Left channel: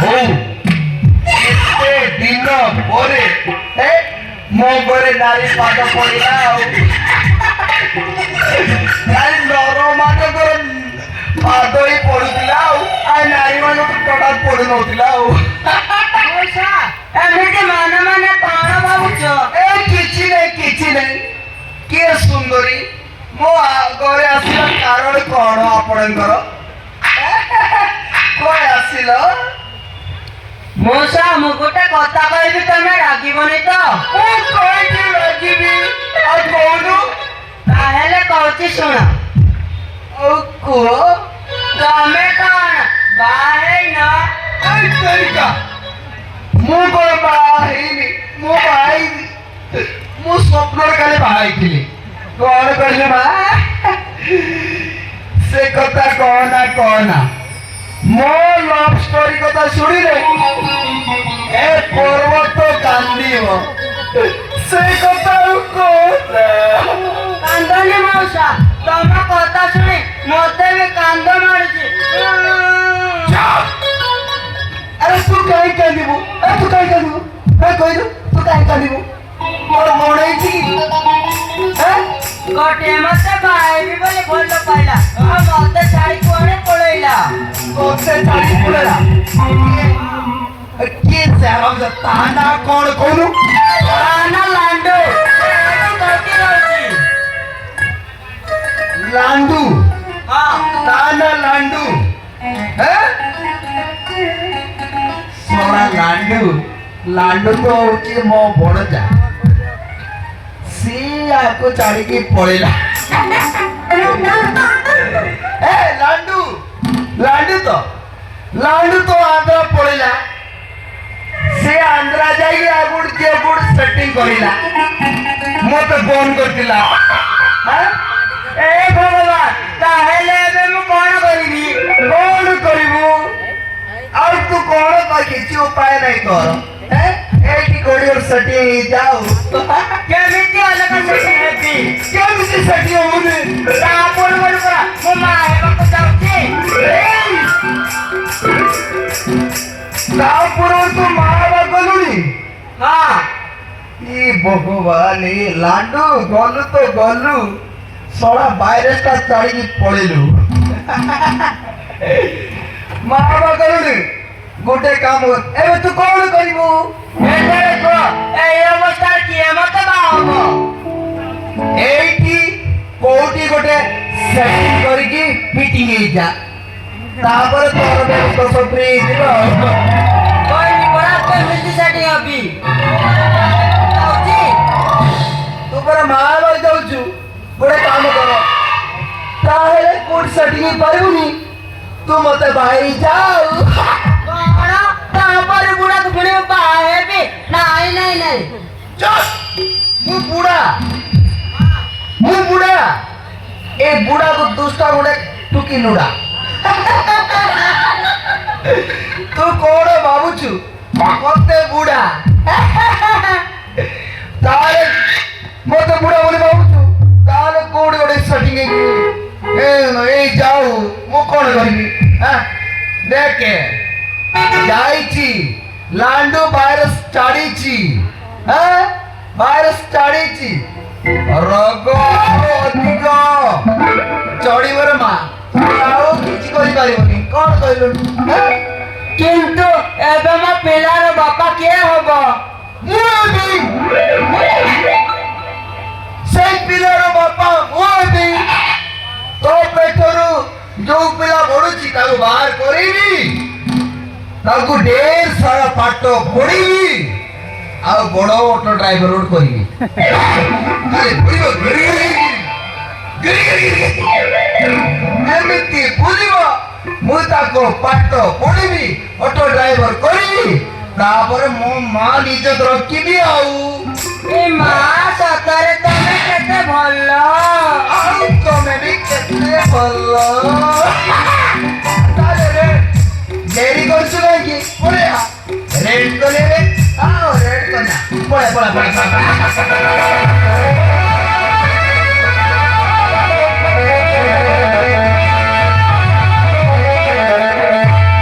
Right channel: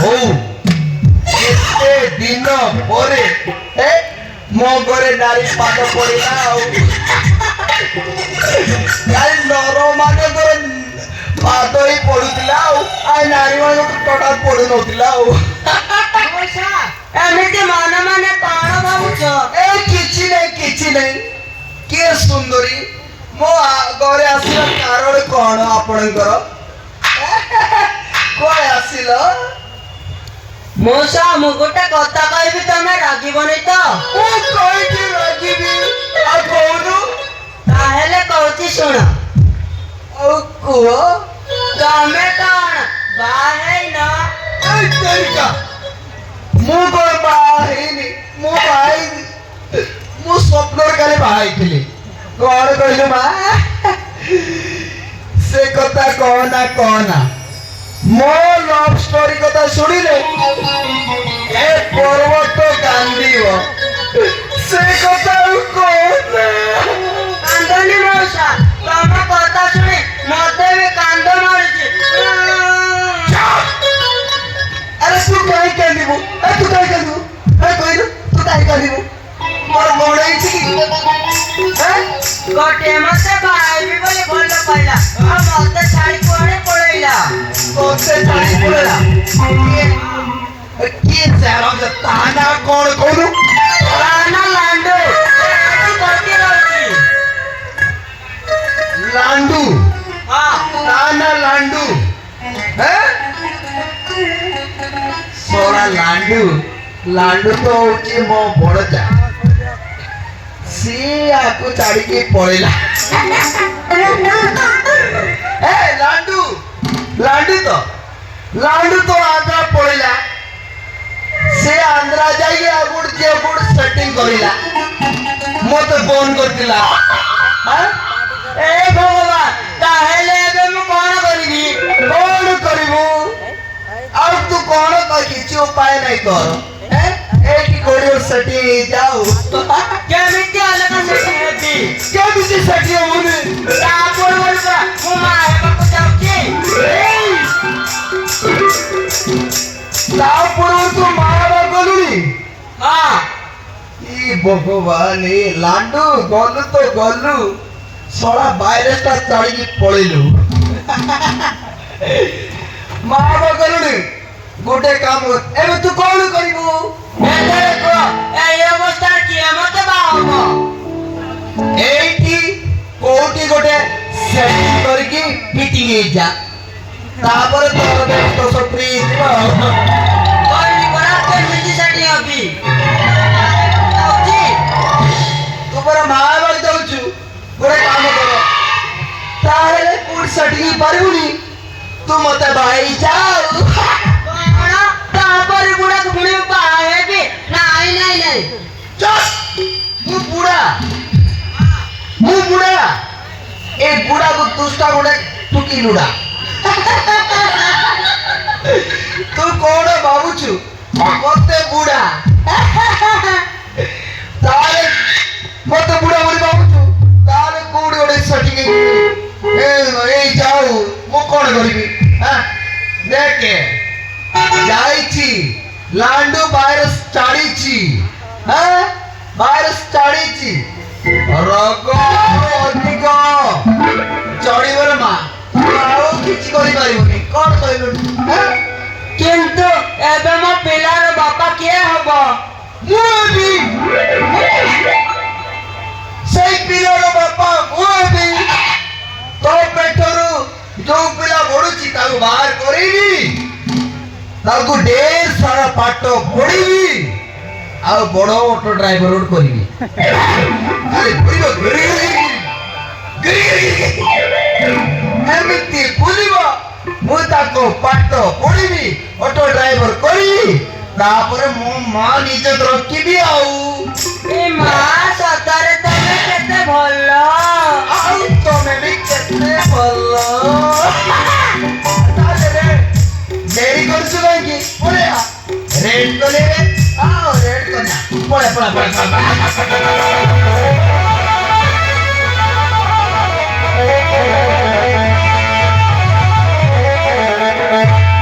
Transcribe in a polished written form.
ହଉ ଏତେ ଦିନ ପରେ ମୋ ଘରେ ନାରୀ ପାଦ ପଡ଼ିଲା ଆଉ ନାରୀ ନର ମାନଙ୍କର ପାଦ ହିଁ ପଡୁଥିଲା ଆଉ ନାରୀ ମାନଙ୍କ ଟୋଟାଲ ପଡୁନଥିଲା ଆଉ ଏମିତି ମନେ ମନେ କଣ ଭାବୁଛ? କିଛି ନାହିଁ କିଏ ସୁନ୍ଦରୀ ମୋ ଘରେ ଆସିବା କାରଣ କଣ ଆପଣଙ୍କର? କୁଆଡେ ଆସିଲ? ମଉସା ମୁଁ ଗୋଟେ କଥା କହିବି ତମେ ରାଗିବନି ତ? ମୁଁ କହିକି ରାଗିବି ଆଉ କହୁନୁ? ତାହେଲେ କହୁଛି ଶୁଣ। ଆଉ କୁହ। ତମେ କଣ ବାହା ହେଇନ? ମୁଁ କଣ ବାହା ହେଇନି? ମୁଁ ବାହା ହେଇନି। ମୁଁ ସ୍ୱପ୍ନରେ କାଲି ବାହା ହେଇଥିଲି। କଣ କହିଲୁ ମା? ସେ କଥା କହନା ମୋ ଲଭ ଷ୍ଟୋରି କଥା ଶୁଣିଲେ ଏ ପର୍ବତ କାନ୍ଦିବ। ସେ କଥା ଆଉ କହନା। କାନ୍ଦନି ମଉସା, ତମ କଥା ଶୁଣି ମତେ ବି କାନ୍ଦ ମାରୁଛି। ଆରେ ତୁ କାହିଁ କାନ୍ଦିବୁ? କହିଲୁ ତୁ କାହିଁ କାନ୍ଦିବୁ? ମୋର କଣ ହେଇଛି କି? ଗୋଟେ ମତେ ବାହାଇବି ବୋଲି ଭଲ ପାଇଲା ଆଉ ମତେ ଛାଡି କୁଆଡେ ପଳେଇଲା। ତୋତେ ଛାଡି ପଳେଇଲା? କିଏ ତା ନାଁ କଣ କହୁନୁ? ନା ଲାଣ୍ଡୁ ଲାଣ୍ଡୁ? ହଁ ତା ନାଁ ଲାଣ୍ଡୁ? ଲାଣ୍ଡୁ ତ ହଉଛି ମୋ ବଡଜା। ସିଏ ଆକୁ ଛାଡିକି ପଳେଇଲା। ଲାଣ୍ଡୁ ତ ଆନ୍ଧ୍ରା ପଳେଇଲା। ସେ ଆନ୍ଧ୍ରା ଯାଇକି ଆଗୁଡ ସେଟିଂ କରିଲା। ମତେ ଫୋନ କରିଥିଲା। ଏ ଭଗବାନ, ତାହେଲେ ଏବେ ମୁଁ କଣ କରିବି? କଣ କରିବୁ? ଆଉ ତୁ କଣ କିଛି ଉପାୟ ନାହିଁ କର। ଏଇଠି କୋଉଠି ସେଠି ହେଇଯାଉ। କେମିତି ଅଲଗା ସେଠି ହେବି? କେମିତି ସେଠି ହଉନି? ତା ପୂର୍ବରୁ ପରା ମୋ ମା ହେବାକୁ ଯାଉଛି। ତା ପୂର୍ବରୁ ତୁ ମା ବା ଗଲୁଣି? ହଁ ଭଗବାନ, ଲାଣ୍ଡୁ ଗଲୁ ତ ଗଲୁ, ଶଳା ଭାଇରସଟା ଛାଡିକି ପଳେଇଲୁ। ମା ବା ଗଲୁଣି? ଗୋଟେ କାମ, ଏବେ ତୁ କଣ କରିବୁ? ଏଥର କୁହ, ଏଇ ଅବସ୍ଥାରେ କିଏ ମତେ ବାହା ହବ? ଏଇଠି କୋଉଠି ଗୋଟେ ସେଟିଂ କରିକି ଫିଟିଂ ହେଇଯା, ତାପରେ ତୋର ତ ସପ୍ରି ହେଇଯିବ। କହିଲି ପରା କେମିତି ସେଠି ହବି? ତୁ ପରା ମା ବା ଯାଉଛୁ, ଗୋଟେ କାମ କର, ତାହେଲେ କୋଉଠି ସେଟିଂ ହେଇପାରିବୁନି, ତୁ ମତେ ବାହାଇ ଯାଉ। ତାପରେ ବୁଢାକୁ ଫେଣି ବାହା ହେବି? ନାଇଁ ମୁଁ ବୁଢା ଏ ବୁଢାକୁ ଦୁଷ୍ଟ ଗୋଟେ ଟୁକି ଲୁଡା। ତୁ କଣ ଭାବୁଛୁ ମତେ ବୁଢା? ତାହେଲେ ମତେ ବୁଢା ବୋଲି ଭାବୁଛୁ? ତାହେଲେ କୋଉଠି ଗୋଟେ ସେଟିଂ ଏଇ ଯାଉ, ମୁଁ କଣ କରିବି? ଦେଖେ ଯାଇଛି, ଲାଣ୍ଡୁ ଭାଇରସ ଛାଡିଛି। ଭାଇରସ ଛାଡିଛି, ରୋଗ ଅଧିକ ଚଢିବରେ ମା, ଆଉ କିଛି କରିପାରିବୁନି। କଣ କହିଲୁ? କିନ୍ତୁ ଏବେ ମୋ ପିଲାର ବାପା କିଏ ହବ? ମୁଁ ହେବି। ସେଇ ପିଲାର ବାପା ମୁଁ ହେବି। ତୋ ପେଟରୁ ଯୋଉ ପିଲା ବଢୁଛି ତାକୁ ବାହାର କରିବି, ତାକୁ ଢେର ସାରା ପାଠ ପଢିବି, ଆଉ ବଡ ଅଟୋ ଡ୍ରାଇଭର ଗୋଟେ କରିବି। ଏମିତି ବୁଲିବ, ମୁଁ ତାକୁ ପାଠ ପଢିବି, ଅଟୋ ଡ୍ରାଇଭର କରିବି, ତାପରେ ମୋ ମା ନିଜେ ରଖିବି। ଆଉ ଏ ମା ସତରେ ତମେ କେତେ ଭଲ। ଆଉ ତମେ ବି କେତେ ଭଲ। ଡେରି କରୁଛୁ କାହିଁକି? ରେଡ୍ କଲେ ରେଡ୍ କନା, ପଳା।